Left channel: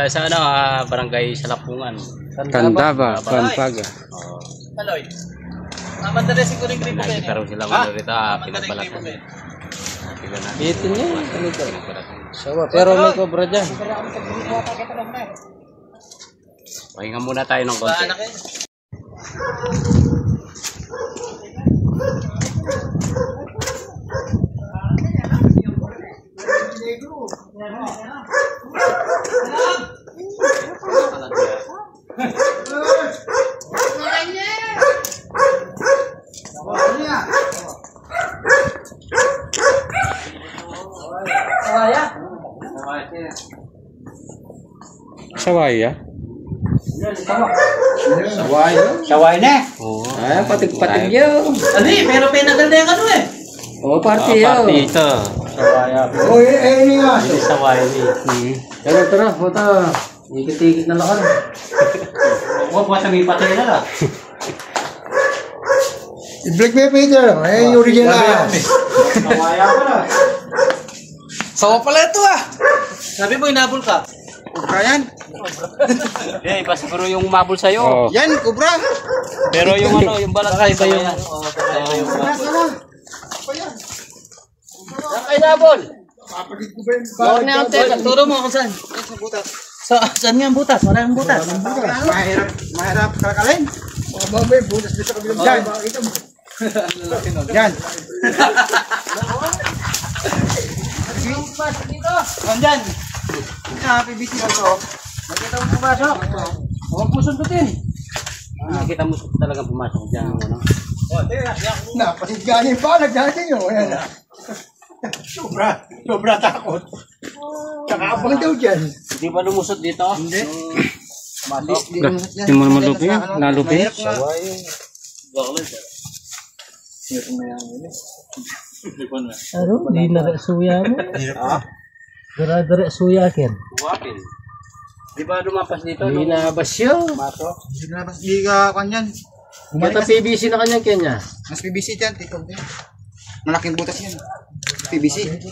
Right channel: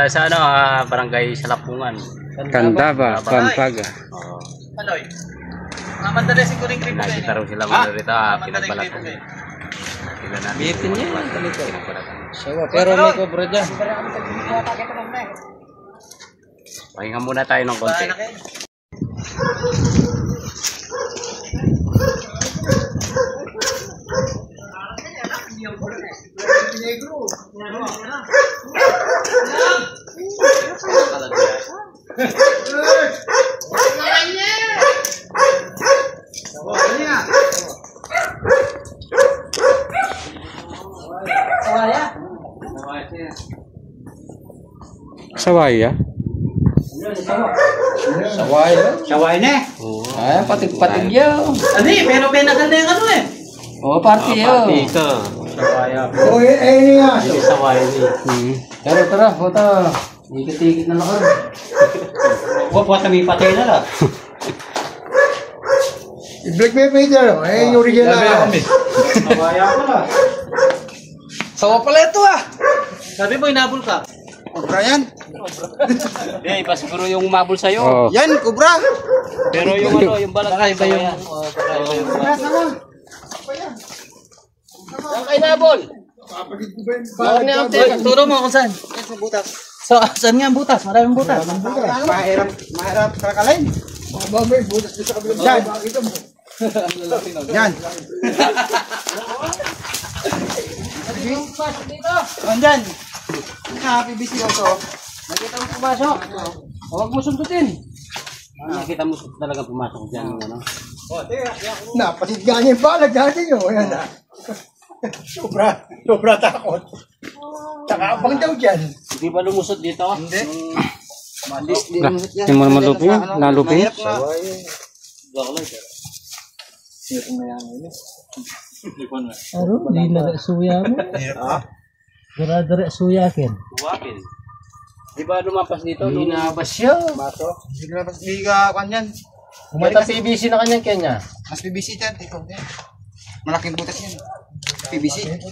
tayo sa ano, barangay Salapungan. Candaba, Pampanga. Oo. Aloy. Madali si Kuring Rico. Nakikita rin sila mga rito, pinagbalatan. Nakikita natin. Bitin niya, ganito. Pinagbalatan. Sawa, pero may cobra dyan. Pahinga muna tayo ng konti. Sawaya? Saway na. Oo. Ay, patig-patig yun. Ani, pero pinadal na yung ano eh. Oo, party yun. Ito. Sawaya. Oh, eh nga. Sawaya ni. Tara, puta. Ikit-ikit na lakar. Huwag po kami patay na lang. I-black paper lang. Eh, yung original na. Kawaya ko na. Sawa pala ito ah. Sabi mo, inabol ka. Kubra yan. Hindi, iba siguro yung umabol sa'yo. Oo. Yan, kubra. Pero yung ano, yung balat. Baka iba yung... Sawa. Ang inabol. Kapagid ko ba yung Bawal na ang teka. Turo mo kung saan. Sa butas. So, saan nga ang butas? Maraming butas. Mahirap kalakalin. Baka may butas dito sa kabilang dyan. Ito mo. Yan. Yung pas dito. Nandyan. Sa PBC ito. Nakita mo pumasok. Huwag mo sundutin. Nakita mo talaga pumasok dyan. Ano? Napasigyan yung balag natin yun. Ayan na. Sobra takot. Tsaka abang daw dyan. Hindi ba lumusot dito? Hindi. Yung mga malupi yan, nalupi. Ano? Di na suya mo? Dara suya ken. Buwakin. Di ba lumapas dito? Di nabas siya. Pasok. Hindi ka kanyan. Mata PVC na kanya kanya. Mas PBC dyan. Ito. Malaking butas yan. PBC. Hindi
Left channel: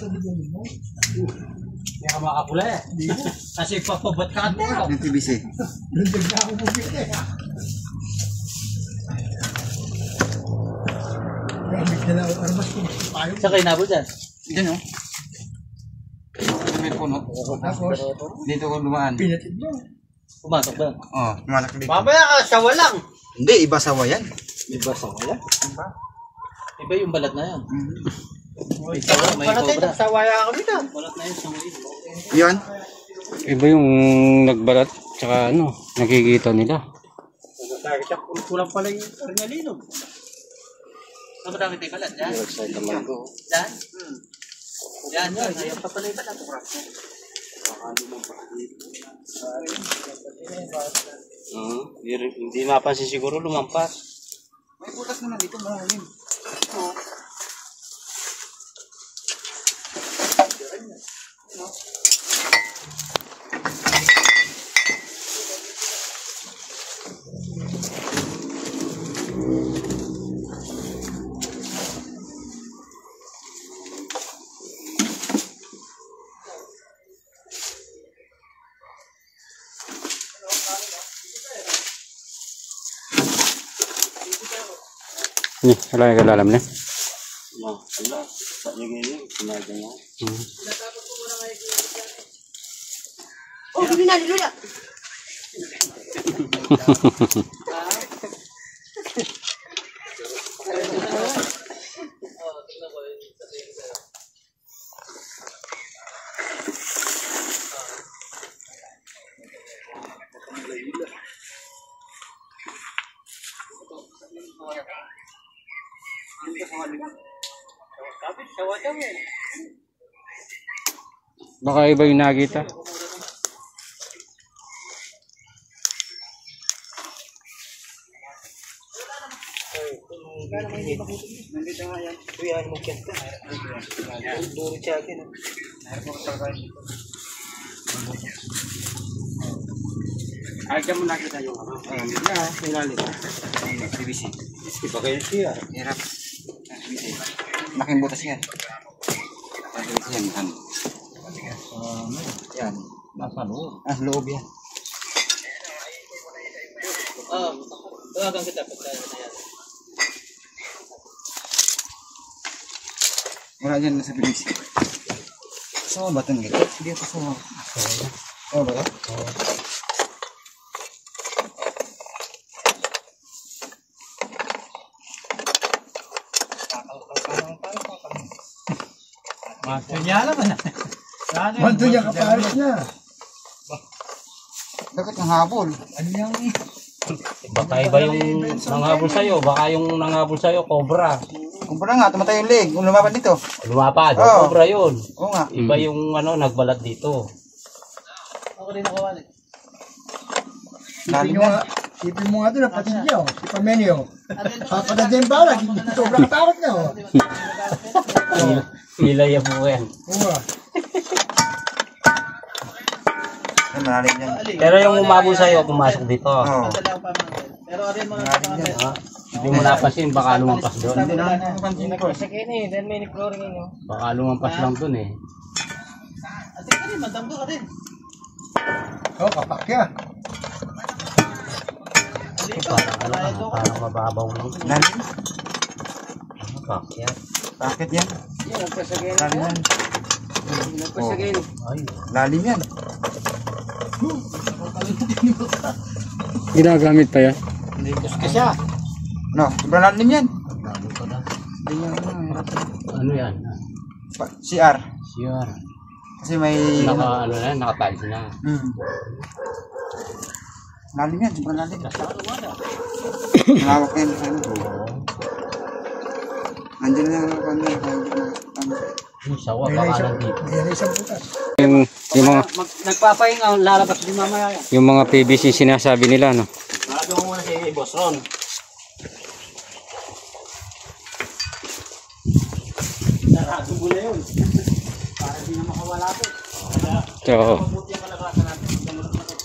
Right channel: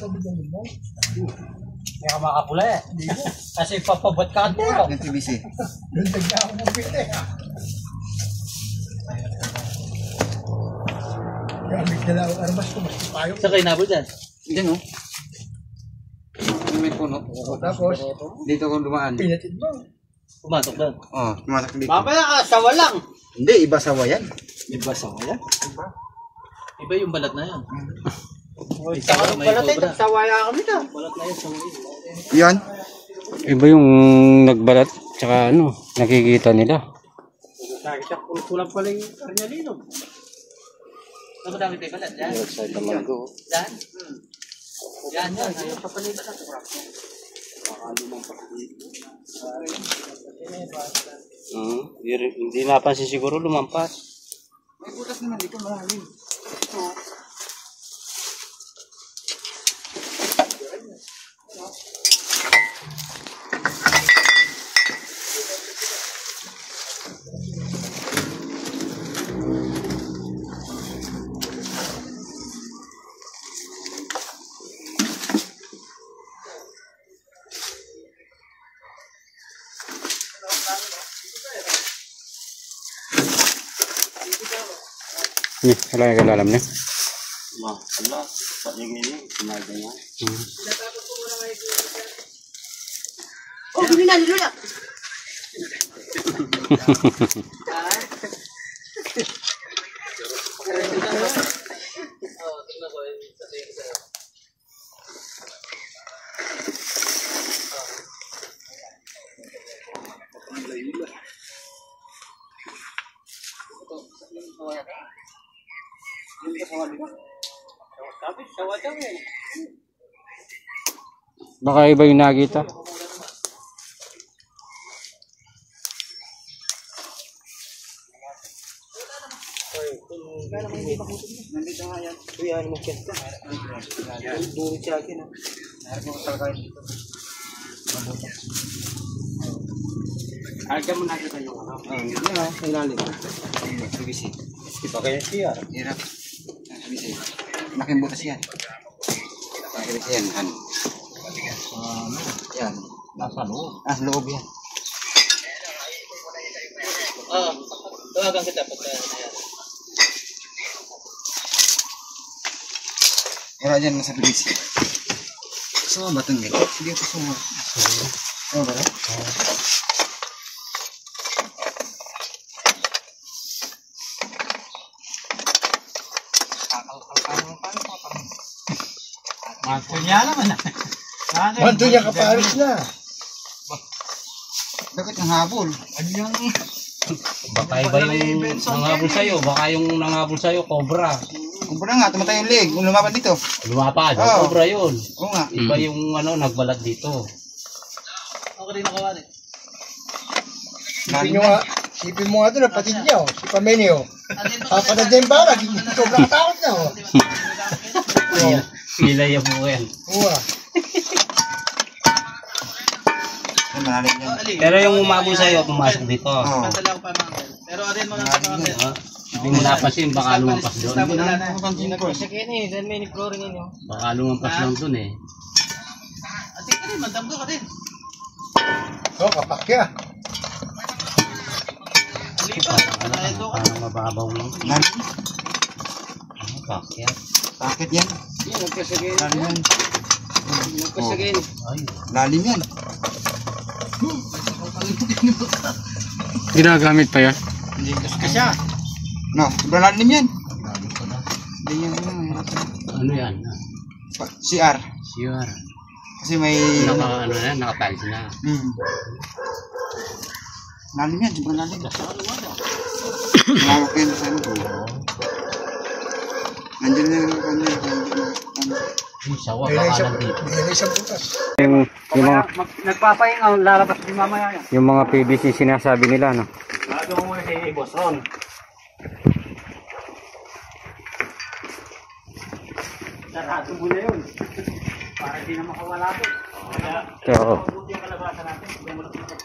ka makapula eh. Kasi papabot ka ito. Yung PBC. Sa kayo nabol dyan? Diyan oh. May puno. Tapos, dito ko dumaan. Pinatid mo. Pumasok doon. Oh, tumanak dito. Mamaya sawa lang. Hindi, iba sawa yan. Iba sawa yan? Iba yung balat na yan. May sawa, may cobra. Sawaya kami na. Balat na yun, sungli. Yan. Iba yung nagbalat, tsaka ano, nakikita nila. Kulang pala yung karnyalino. Ano ba dami tayo balat? Yan? Yan? Yan, yan. Ayaw pa pala yung balat. Hindi napansin siguro lumampas. May butas naman dito, malalim. Nih, wala yung kalalam niya. Wala. Pagiging yun. Sinaga niya. Oh, hindi na, niluya. Baka iba yung nakita. Nandito nga yan. Kuya, ano mo kyan ka? Duro siya akin. Ay, dyan mo nakita yung ano. Yan o, ilalim. PVC. Ito kayo siya. Hirap. PVC. Malaking butas yan. PVC yan. Yan. Nasa loob. Ah, loob yan. Oo. Tawagan kita pag kaya na yan. Kaya dyan sa bilis. Gusto mo ba itong gito? Sige, gusto mo. Oo ba? Kanya naman. Manto niya kaparis na. Dapat ang habol. Ano yung... Baka iba yung nanghabol sa'yo. Baka yung nanghabol sa'yo, cobra. Kumpara nga, tumatay yung leg. Kung lumapad dito. Lumapad, Oo. cobra yun. Oo nga. Iba yung nagbalat dito. Ako rin nakawan eh. Sipin mo nga ito, napatid niya. Si Pamenio. Ako na din ba? Sobrang takot na. Pilay yung buko yan. Oo. Malalim yan. Pero yung umabol sa'yo, pumasok dito. Oo. Pantala ko pa mga. Pero rin mga kapatid. Hindi mo napansin, baka lumampas doon. Hindi na napansin ko. Baka lumampas lang doon eh. Ating ka rin, magdamgo ka din. Oo, kapak yan. Parang mababaw lang. Lalim. Kakyat. Bakit yan? Lalim yan. Ay, Lalim yan. Ginagamit pa yan. Kasi no, sobrang lalim yan. lalo pa na. Hindi yan hirap yan. Ano yan? CR. Sure. Kasi may... Naka-tiles na. Lalim yan, sobrang lalim. Mawak yan sa ano. Nandiyan na lang ako Yung sawa, baka nandito. Yung mga, Nagpapahinga, lalabas din mamaya. yung mga PVC sinasabi nila, no? Lalo ko muna si Boss Ron. Narado mo na yun. Para di na makawala po. Oo. Mabuti ang kalabasan natin. Dumulog na.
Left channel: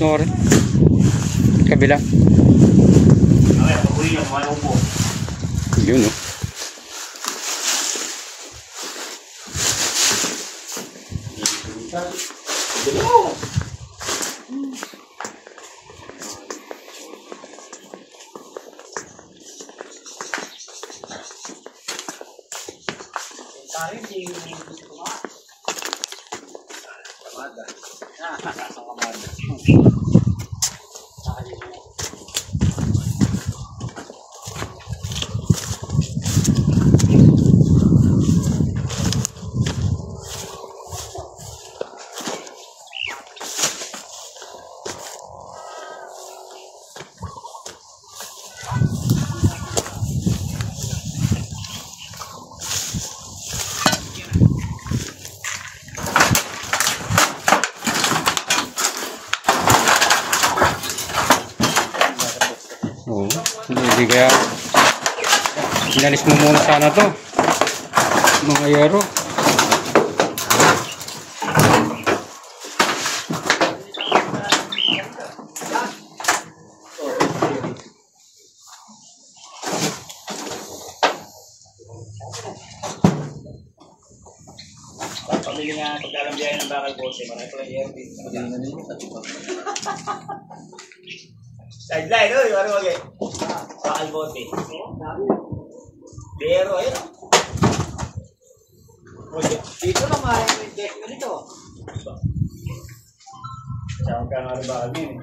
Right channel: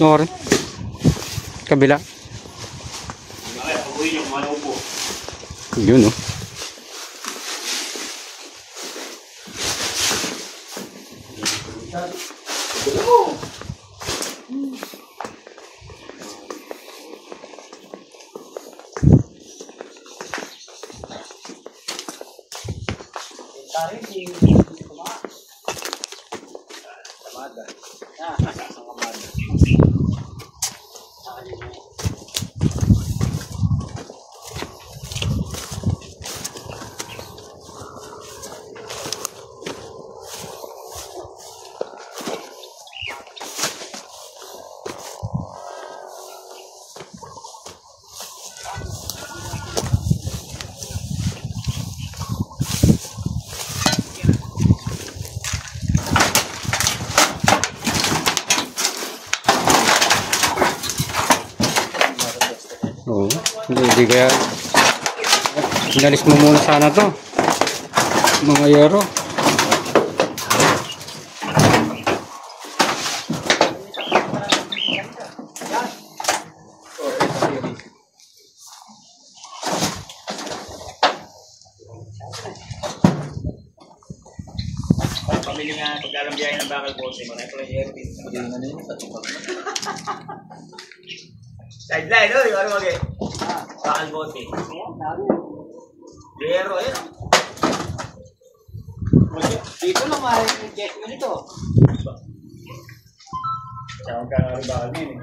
Ito rin. Kabila. Okay, pag-uwi niyo, kumalaw po. Yun, no? Oo. Hindi kaya inalis mo muna sana to. Mga yero. Pamili nga pagkalambiyahin ng bakal po. Marami pala yung airpin. Sideline, no? Yung ano mag bakal bote. Pero, ayun. Dito lang yung check mo nito. Saan ka nga rin bakal din eh.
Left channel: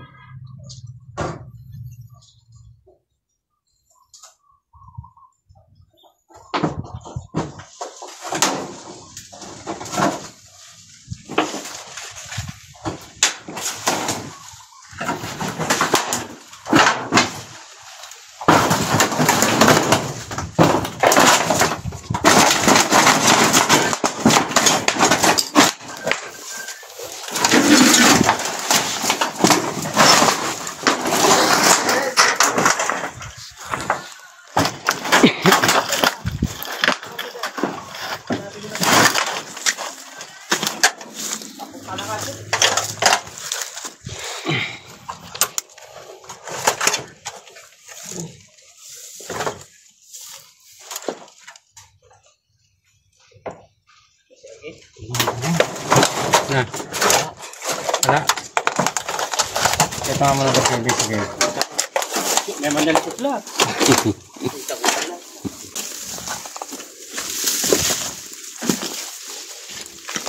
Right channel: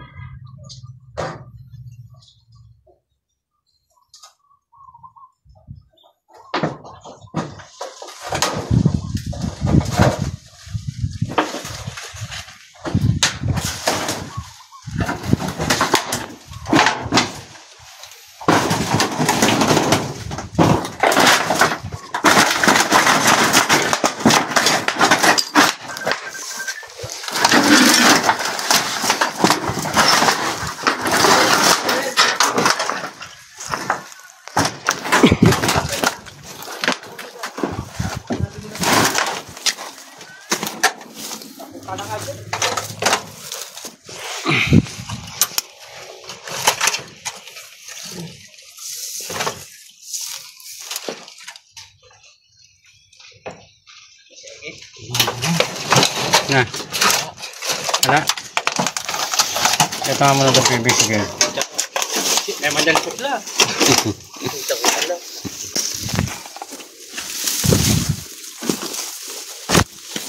Na. Wala. Ito nga muna ito PVC kayo. May mandali ko sila.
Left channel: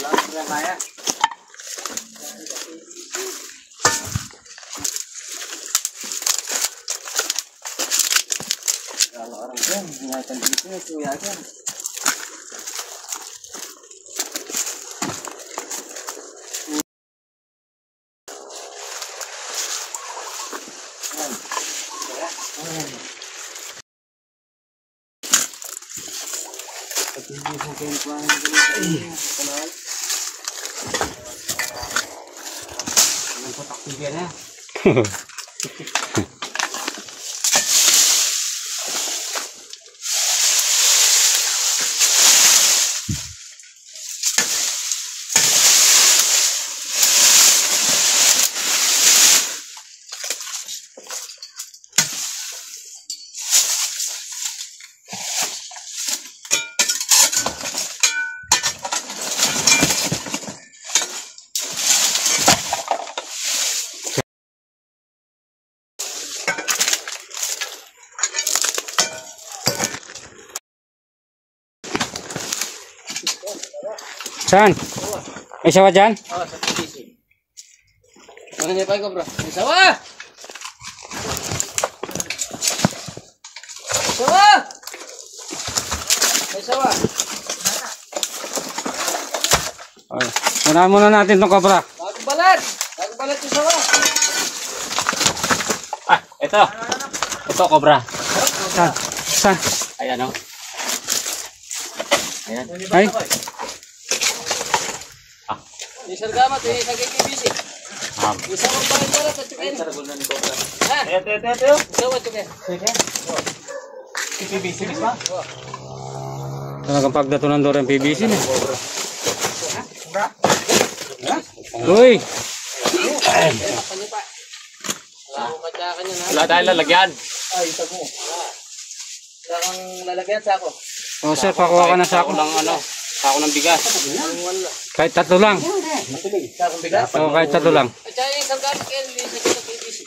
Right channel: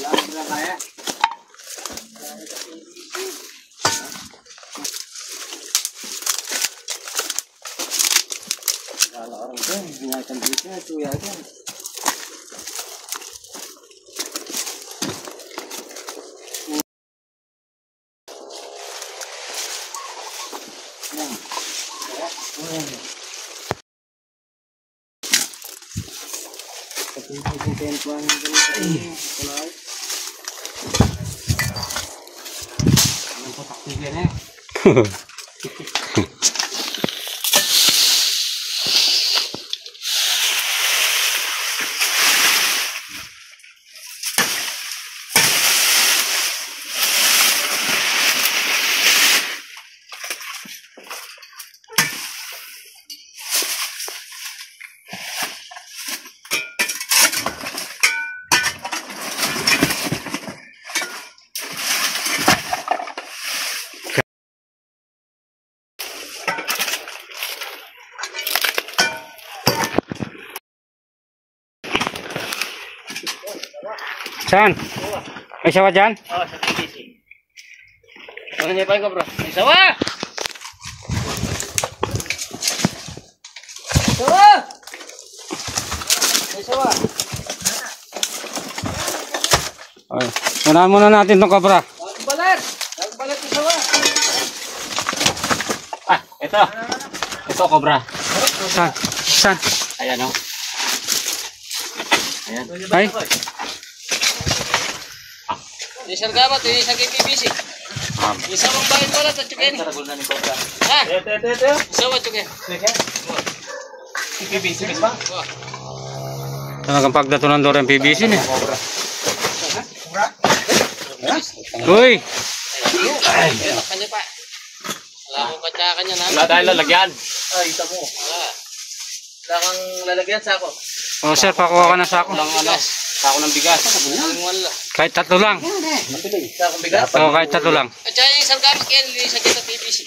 Wala kaya. Orang kan, nyaikan duitnya itu ya kan. Ang putak tigyan eh. Saan? May sawa dyan? Oh, sa PVC. Ano niya pa ko bro? Isawa! Isawa! Isawa! Okay. Unahan muna natin itong kabra. Bagbalat! Bagbalat isawa! Ah, ito. Ito, cobra. Saan? Saan? Ayan o. Ay? Isang gamat, isang PVC. Isang magbayad pala at chukin. Ha? Ito. Isawa chukin. PVC ba? Talagang pagdatunan doon ang PVC na. Uy! Takpan niya pa. Wala akong katsakan niya na. Wala tayong lalagyan. Ay, ito mo. Wala. Wala kang lalagyan sa ako. Oh sir, pakuha ka na sa ako. Walang ano, sako ng bigas. Aling wala. Kahit tatlo lang. Sa akong bigas. Oo, kahit tatlo lang. At saka yung isang gamit yan, lilisan kita PVC.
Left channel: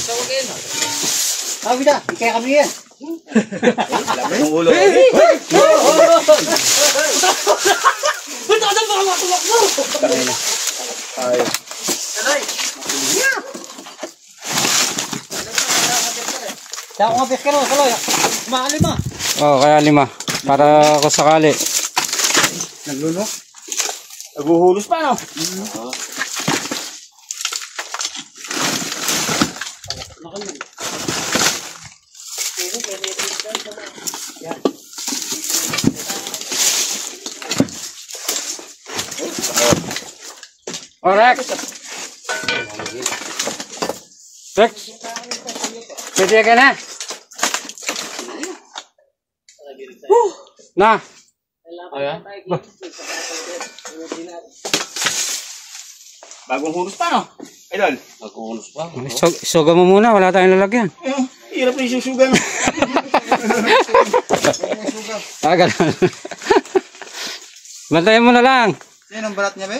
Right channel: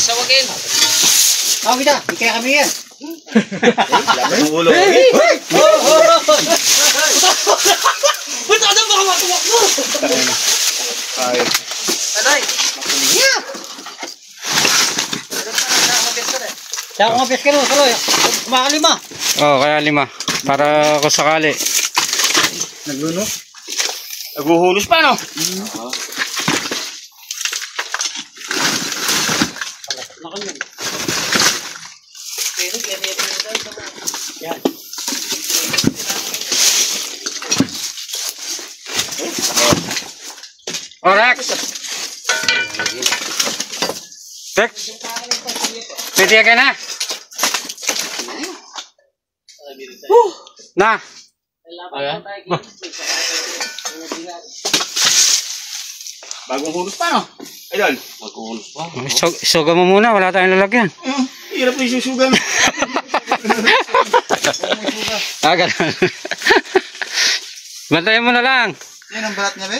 Sawagin. Ako kita, kaya kami yan. Ba't ako baka matuwak mo? Aday. Sa ako nga peskero, saloy. Kumakalima. Oo, kaya 5. Para ako sakali. Naglunok. Naguhulos pa, no? Oh, Rex! Rex! Pwede ka na? Na! Ayan. Bagong hulos pa, no? Idol. Naguhulos pa. Suga mo muna, wala tayong lalagyan. Hirap na isusugan. Ah, ganun. Bantayan mo na lang. Yan ang balat niya, be?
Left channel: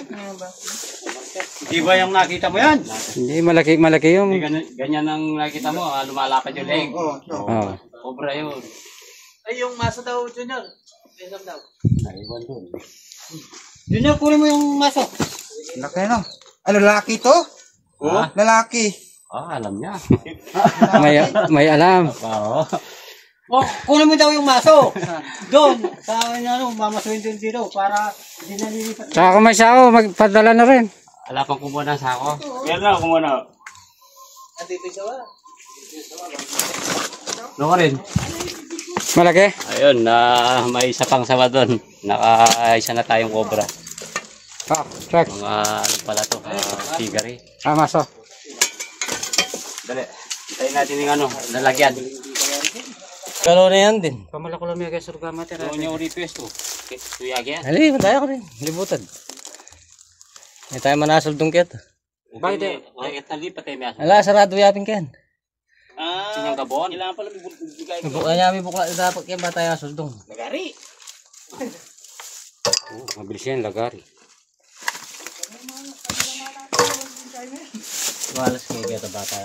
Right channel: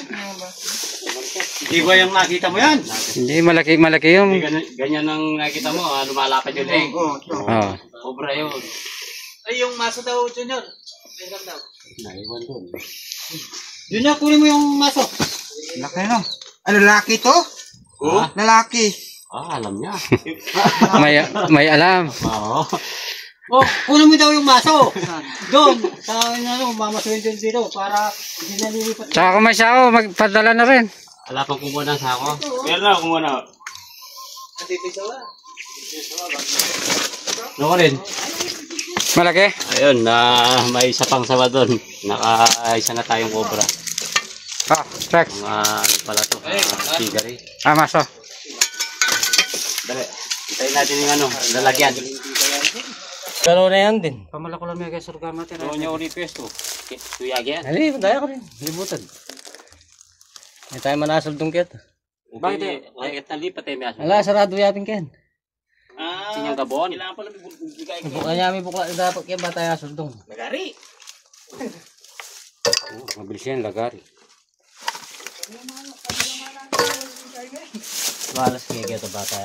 Hindi ba yung nakita mo yan? Hindi, malaki yung... Ganyan ang nakita mo, lumalapad yung leg. Oo. Oo. Cobra yun. Ay, yung maso daw, Junior. Tingnan daw. Naiwan doon. Yun yung kunin mo yung maso. Laki no? Ano, lalaki to? Oo. Lalaki. Ah, alam niya. May alam. Oo. Oh, kunin mo daw yung maso. Doon, sa ano, mamasuhin doon dito para hindi nalilipat. Tsaka kung may sako, magpadala na rin. Wala pang kumuha ng sako. Meron na, kumuha na. Andito yung sawa. Ano ka rin? Malaki? Ayun, may isa pang sawa doon. Naka-isa na tayong cobra. Ah, Rex. Mga ano pala to, tigari. Ah, maso. Dali, itayin natin yung ano, lalagyan. Gano'n na yan din. Pamalako lang yung surga mati. Ito niya request to. Tuyagi yan. Ali, madaya ko rin. Libutan. Hindi tayo manasol dong kit. Bakit eh? Bakit nalipat eh, may asa. Ala, sarado yapin ken. Sinyang gabon. Kailangan pala may bukla niya, may bukla dapat kaya ba tayo asol dong. Nagari. Mabilis yan, lagari. Malas kayo ito bata.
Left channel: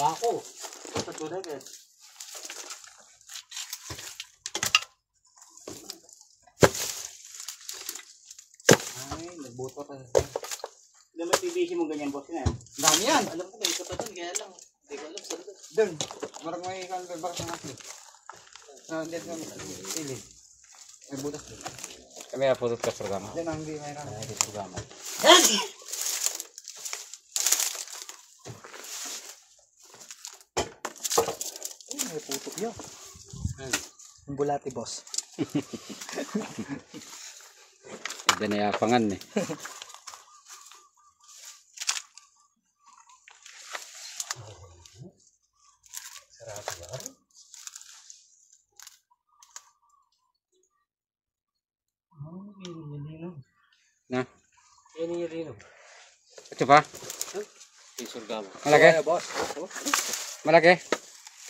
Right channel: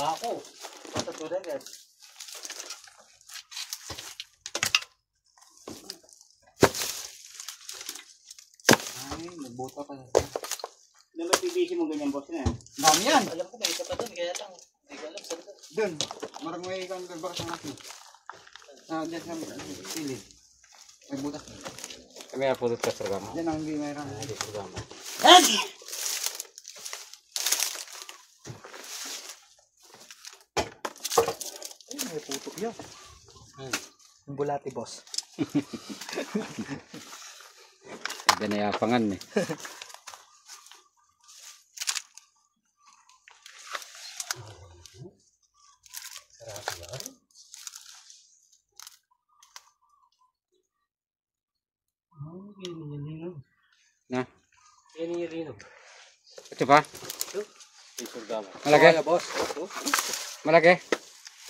Bako. Ay, nagbuta ka. Hindi ba PVC mo ganyan, boss nga? Dami yan. Alam ko may isa pa dyan, kaya lang. Hindi ko alam saan. Doon. Marang may ikan gagbar sa akin. Diyan sa silid. May butas. Kami na po sa programa. Diyan ang hindi mayroon. Programa. Ay, may puto yun. Yung bulati, boss. Binayapangan eh. Na? Yan yung rinog. Ito pa? Isurgalo. Malaki? boss. Malaki?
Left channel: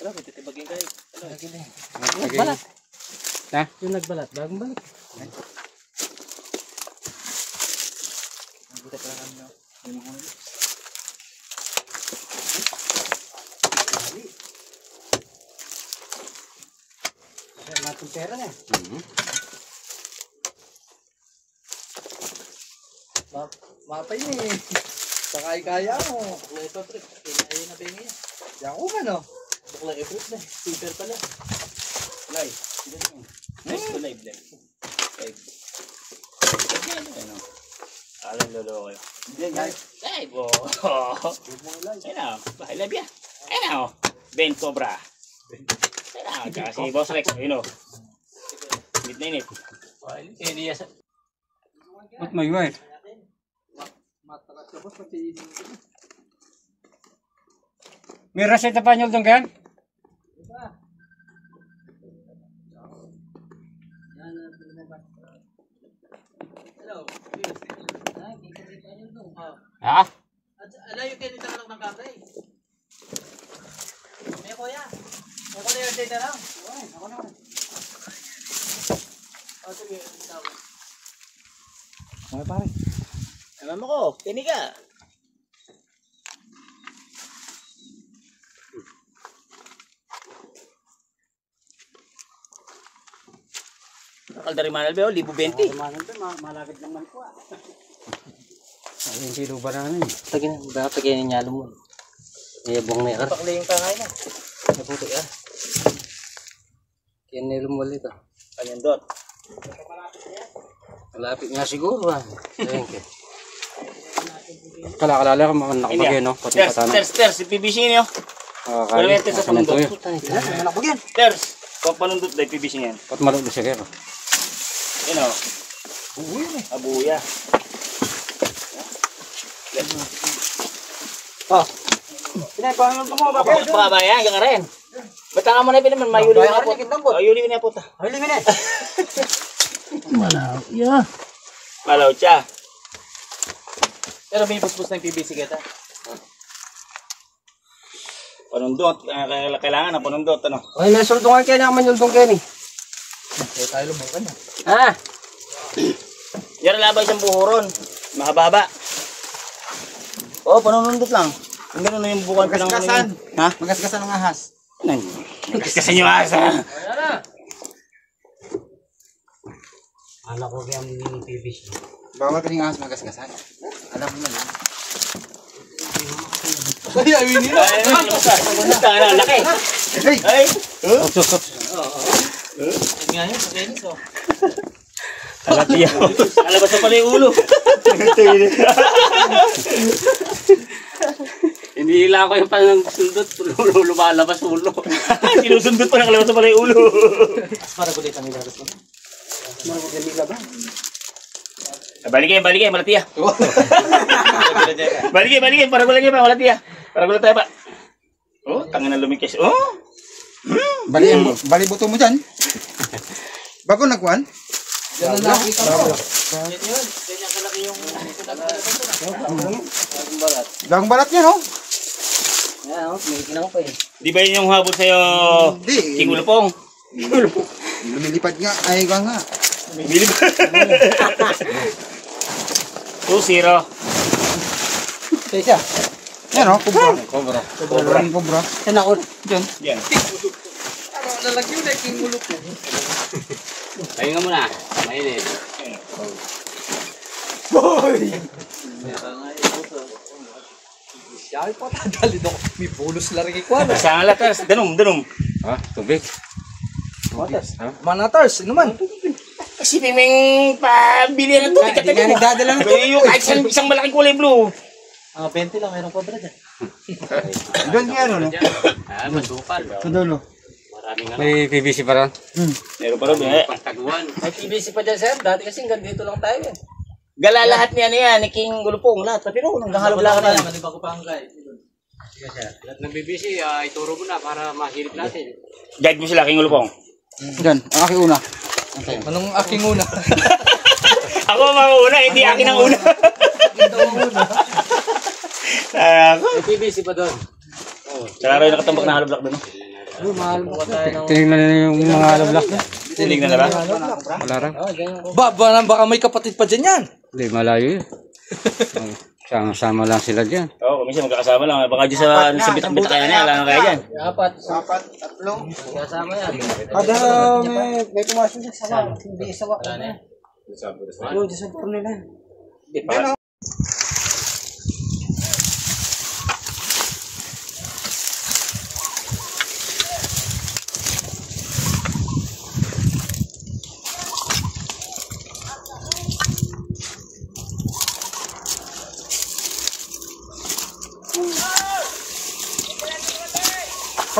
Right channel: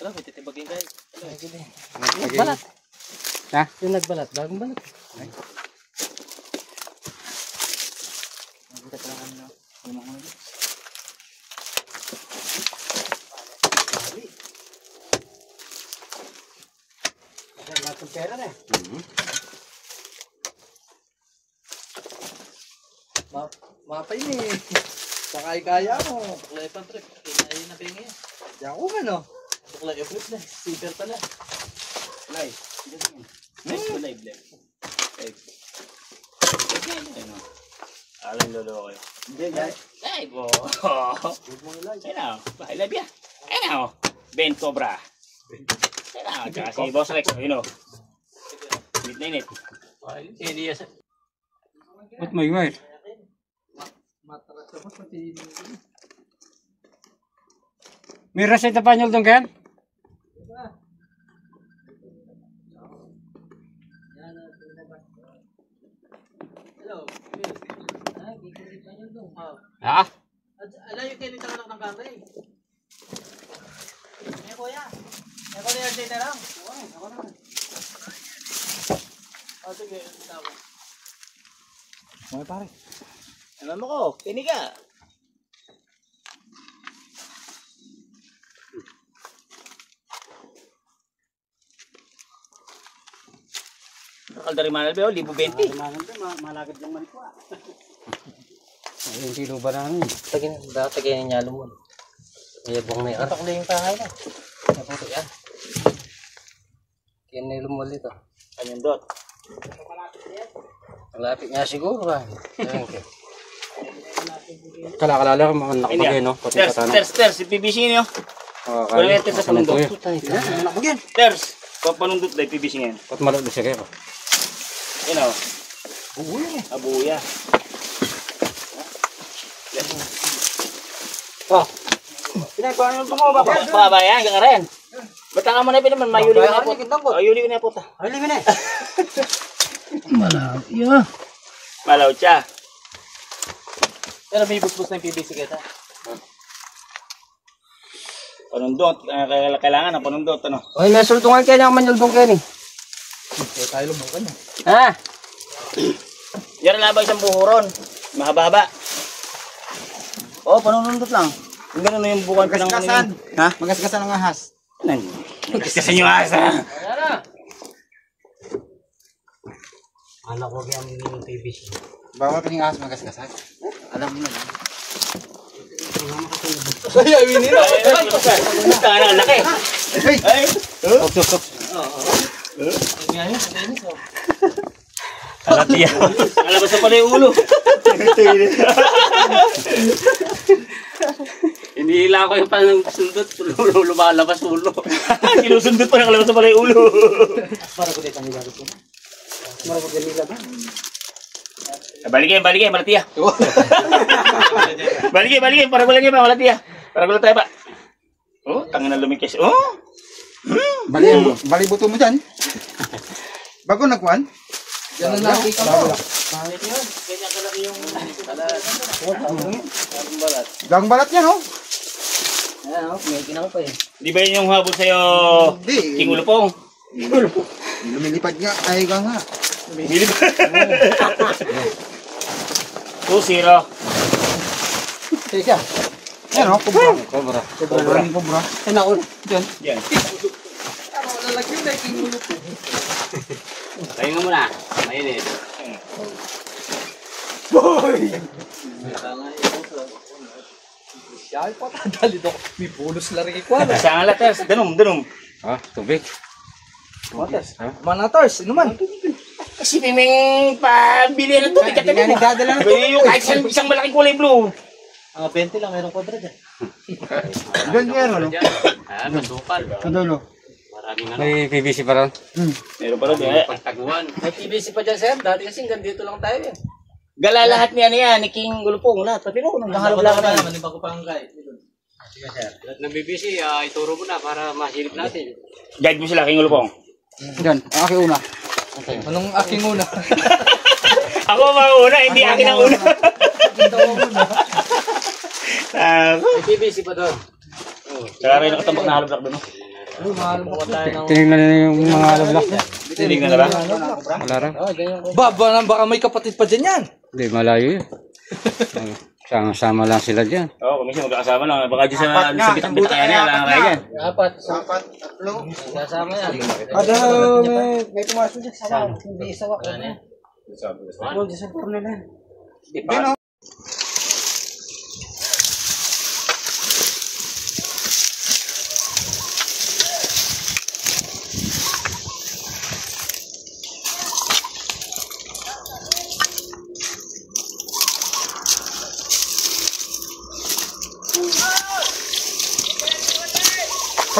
Wala, may titibagin kayo. Balat. Na? Yung nagbalat. Bagong balat. Buta pala kami na. Yung mga ulit. Lahat ng pera na eh. Mapay ni. Sakay kaya mo. Buklay pa, pre. Kinaya na bengi yan. Yan ko man oh. Buklay efrit na. Paper pala. Buklay. Nice buklay, blem. Alam lolo ko. Ay, bo. Ano? Bahala biya. Ano? Ben Cobra. Ano? Tsaka si Boss Rex. You know. Midnight. Hindi yan. Ba't may wire? May reseta pa nyo doon kayan? Ha? Alayo kayo nito ng kamay. May kuya. Ako na yung na lang. Ako na. Sige. Ano pare? Alam mo ko, kini ka. Kaldari manal ba? 1,020. Malagad naman ko ah. Ay, yung kilo banana yun. Tagayin niya alam mo. May buwang na yan. Pakli yung pangay na. Mabuti yan. Yan nilom mo ulit. Panyandot. Malapit nga siguro. Thank you. Kala-kalala ko mga nakapagay, no? Pati patana. Ters, si PBC niyo. Kaya, Ito sa panundot. Anak mo yan. Ters, panundot na PBC niyan. Pat malod siya kayo. Yan o. Abuya. Oh. Pinagkuhan mo pa mo ba? Pabayan ka rin. Bata ka mo na naman, mayuli ko na po. Mayuli ko na po ta. Ay, limin eh. Malaw. Yeah. Malaw siya. Pero may busbus na yung PBC kita. Panundot. Kailangan ng panundot. Ano? Ay, may suldungan kaya naman yung kayo ni. Kaya tayo lubukan na. Ha? Yan na ba isang buhuron? Mahaba-haba. Oo, panundot lang. Yung gano'n na yung bukan pinang Magasgasan. Ha? Magasgasan ng ahas. Magasgasan yung asa. Anak ko kaya yung PVC. Bawat yung ahas magasgasan. Alam mo na lang. Ay, laki. Ay. Alatiya. Alabas na pala yung ulo. Hinihila ko yung panang-sundot. Lumalabas ulo. Sinusundot pa nakalabas na pala yung ulo. Para ko dito kami babas mo. Para ko dito ba? Balik kayo, malatiya. Balik, para ko lang kayo, malatiya. Para ko lang tayo ba? Oh, tangan na lumikis. Oh. Bali buto mo dyan. Bago nagkuhan. Yan ang nakita ko. Ganyan kalaki yung... Gang balat yan, oh. Di ba yun yung habol sa'yo, Hindi. King Ulupong? Lumilipad nga. Ay, gang nga. 2-0. Teka. Yan, oh. Kubra. Cobra. Kubra. Kubra. Yan ako. Diyan. Yan. Tayo nga muna. Mainit. Siya nga latas. Danum. Ah, tubig. Manatars, naman. Isipin mo yung pabili na to. Hindi ka Nagdadala na. yung kahit isang malaking kulay blue. 20 lang, mayroong kobra dyan. Doon yan, ano? Masukal. Sa dulo. Maraming ano. May PVC pa ron. Meron pa rin eh. Pagtaguan. May PVC pa dyan, sir. Dati kasi hanggang dito lang tayo eh. Gala lahat niya niya, ni King Ulupong. Lahat. Pati no, nang halap lang naman. Lahat ng BBC, ituro mo na para mahirip natin. Guide mo sila, King Ulupong. Diyan, ang aking una. Anong aking una? Ako mauna, hindi akin ang una. May PVC pa doon. Kaya rin nakatambak na halap doon. Tinignan nila yung mga alablak na. Tinignan na lang. Wala rin. Baka may kapatid pa dyan yan. Hindi, malayo yun. Sama-sama lang sila dyan. Oo, minsan magkakasama lang. Baka dyan sa bitang-bitang kaya niya, lang kayo dyan. Apat. Tatlo. Kasama yan. Kada may pumasok siya sama. Hindi isawa. Wala na yan. Ano, dyan sa porno na. Ano?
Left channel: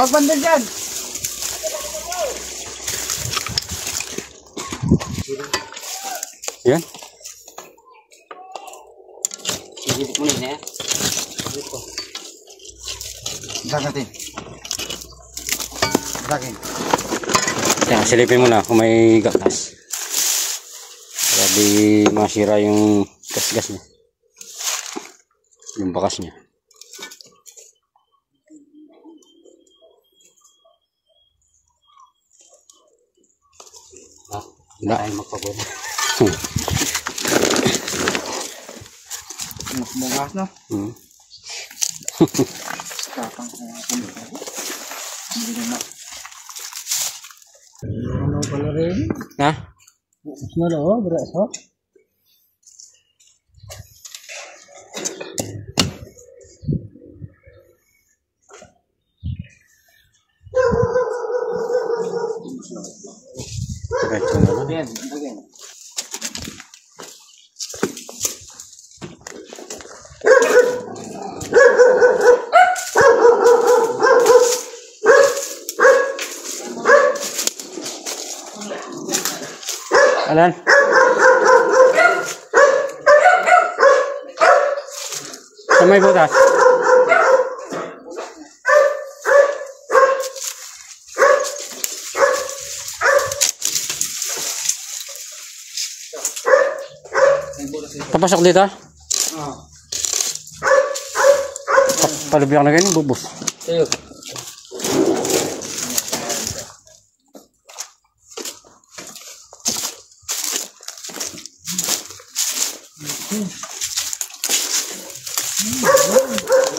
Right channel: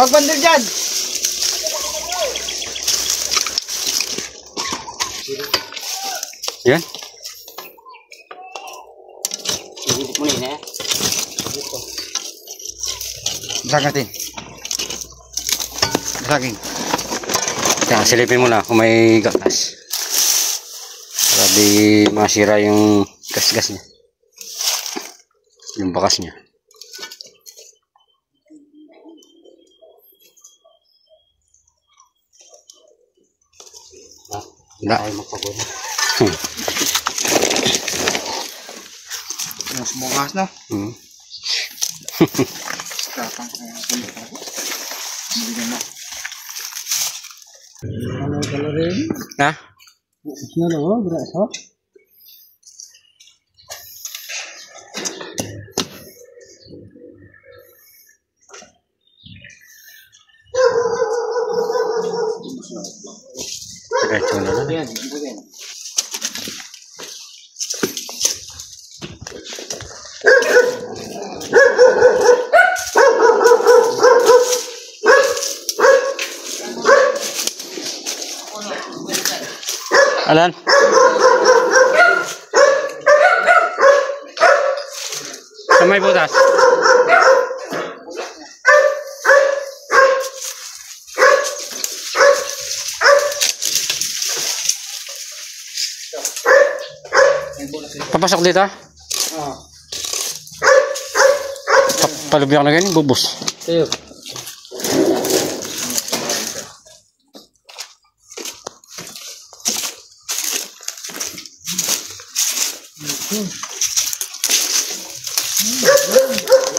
Huwag bandil dyan. Yan. Ihibok mo na yun eh. Sagatin. Saging. Kaya silipin mo na kung may gakas. Para di masira yung gas-gas niya. Yung bakas niya. Hindi tayo magpagod. Sumukas, no? Hmm. Tapang hindi naman. Ha? Diretso na lang. Alan? Sa may butas? Papasok dito? Palubyak na ganyan, bubos. Tayo.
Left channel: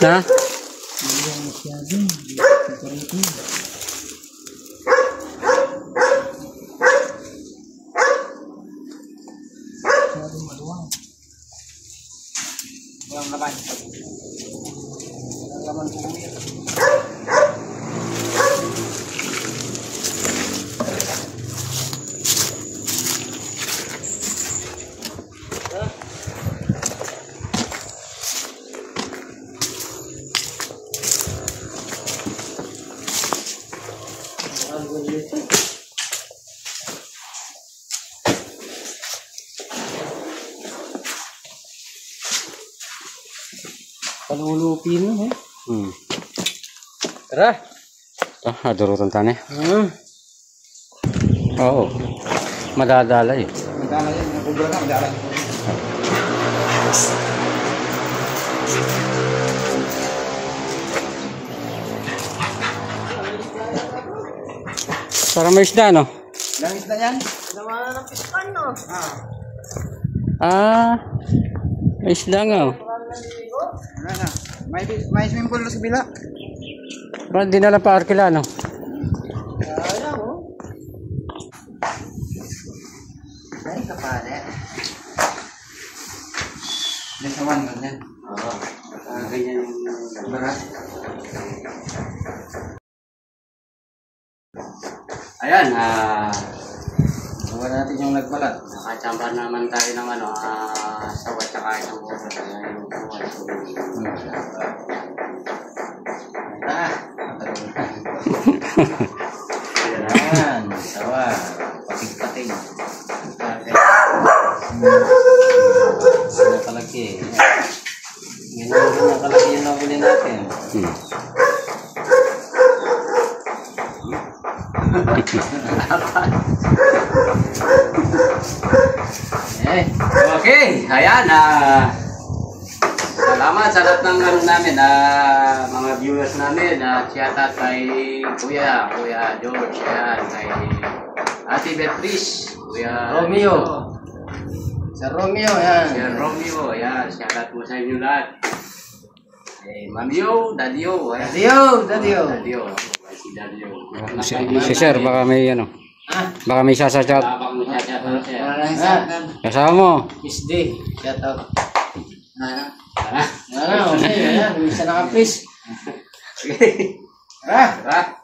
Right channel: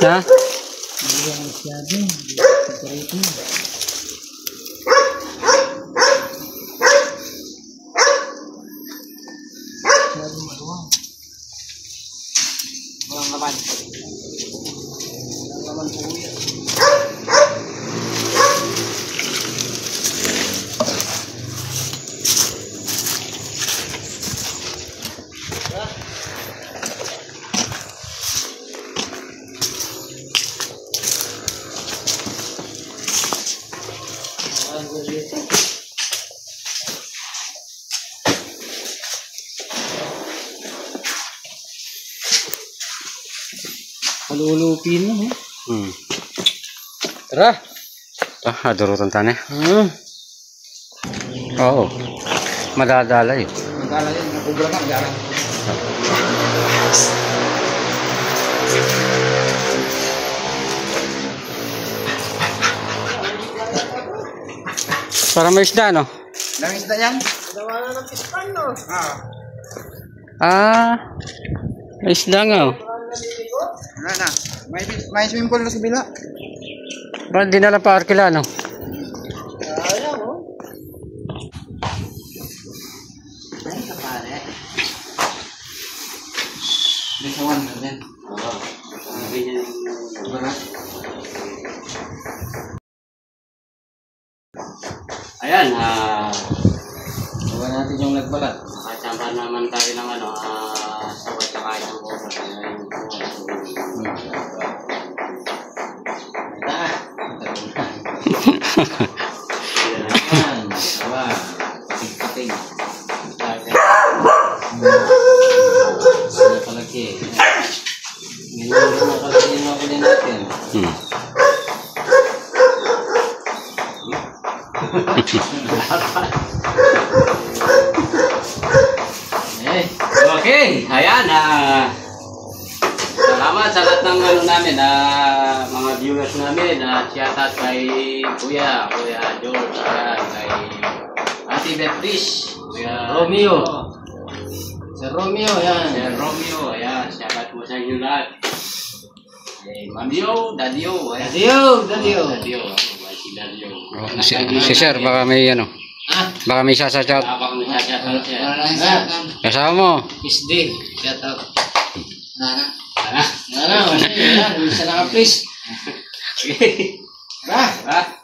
Ha? Palulupin mo. Tara. Adurutan tani. Oo. Madadala yun. Magkala yun, nakubra na, magkala. Para may isda, no? Langis na yan? Ah, may isda nga, oh. Wala na. May swimming pool na sa bila. Ba't di na lang pa-arkila, no? Ay, kapare. May sawan na yan. Oo. Ganyan yung barat. Ayan, Gawa natin yung nagbalat. nakachamba naman tayo ng sawat tsaka isang oras. Ayan yung Ayan, sawa. Pating-pating. Nakalaki. Ngayon yung nakalaki yung nakuli natin. Okay, ayan, salamat sa lahat ng namin, mga viewers namin, shout out kay Kuya George, ayan, kay Ate Beatrice, Kuya Romeo. Sa Romeo, yan. Kuya Romeo, ayan, shout out po sa inyo lahat. Kay Mamio, Dadio, ayan. Dadio, si Dadio. Si Sir, baka may baka may sasachout. Baka may sasachout siya. Kasama mo. Kiss day. Shout out. Nana, okay. Yan. Isa na ka, please. Okay. Ah.